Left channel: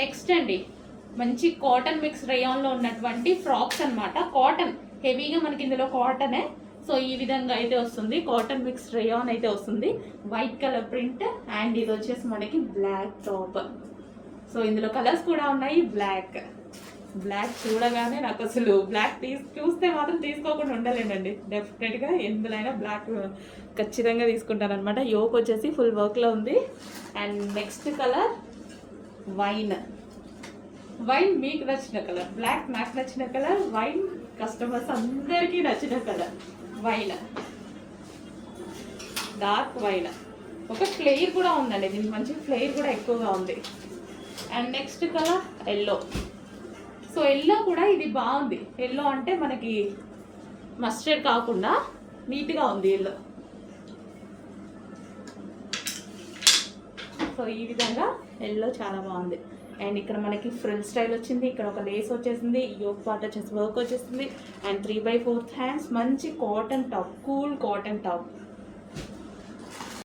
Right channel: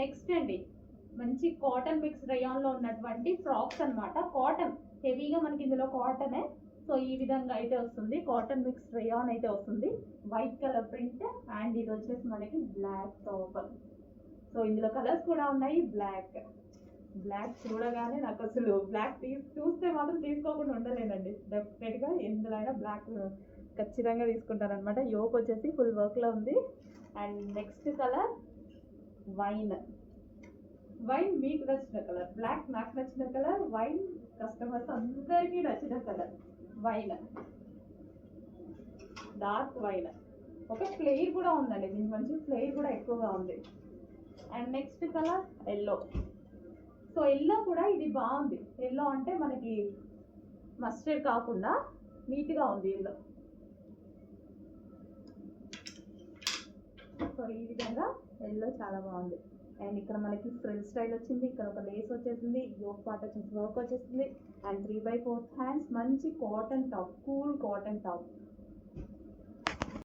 Next అండి మంచి cotton mix రేయాన్లో ఉన్నటువంటి ఫ్రాక్స్ అనమాట. కాటన్ హెవీగా మనకి ఇందులో కాటనే. సో ఈ విధంగా అయితే వస్తుంది, కాటన్ మిక్స్ రేయాన్ అయితే వస్తుంది, వైట్ కలర్ ప్రింట్. అండ్ ఇది వచ్చేసి మనకి బ్లాక్ టాప్. సో ఇందులో కలర్స్ కూడా ఉన్నాయి. బ్లాక్ చూడగానే నాకు అసలు బ్లాక్ చూస్తే మాత్రం తీసుకోకుండా ఉండలేనండి. డెఫినెట్గా ఎందులైనా బ్లాక్ ఖచ్చితంగా తీసుకుంటారనమాట. యోక్ వచ్చేసి ఫుల్ వర్క్లో ఉంది. అండ్ నెక్స్ట్ కలర్ వైన్ మీకు నచ్చిన కలర్, బ్లాక్ నాకు నచ్చిన కలర్, వైన్ కస్టమర్స్ అందరికీ నచ్చిన కలర్ వైన్, డార్క్ వైన్. ఒక ఫ్లేర్ కూడా ఉందండి, దీనికి మంచి ఫ్లేర్ కూడా ఎక్కువగా ఉంది. And next colour yellow. So yellow కూడా ఇది బాగుంది. ఎల్లో అంటే మనకి మస్టర్డ్ కాకుండా నీట్గా ఉంది ఎల్లో. సో ఈ విధంగా ఎల్లో చాలా బాగుంది. అండ్ ఇక్కడ మనకి ఫ్రిల్ స్టైల్ వచ్చింది, ఇక్కడ ఒక లేస్ వచ్చేసింది, యోక్ పార్ట్ వచ్చేసి వర్క్ వచ్చేసింది. అండ్ 3/4 హ్యాండ్స్, మంచి cotton top, cool cotton top.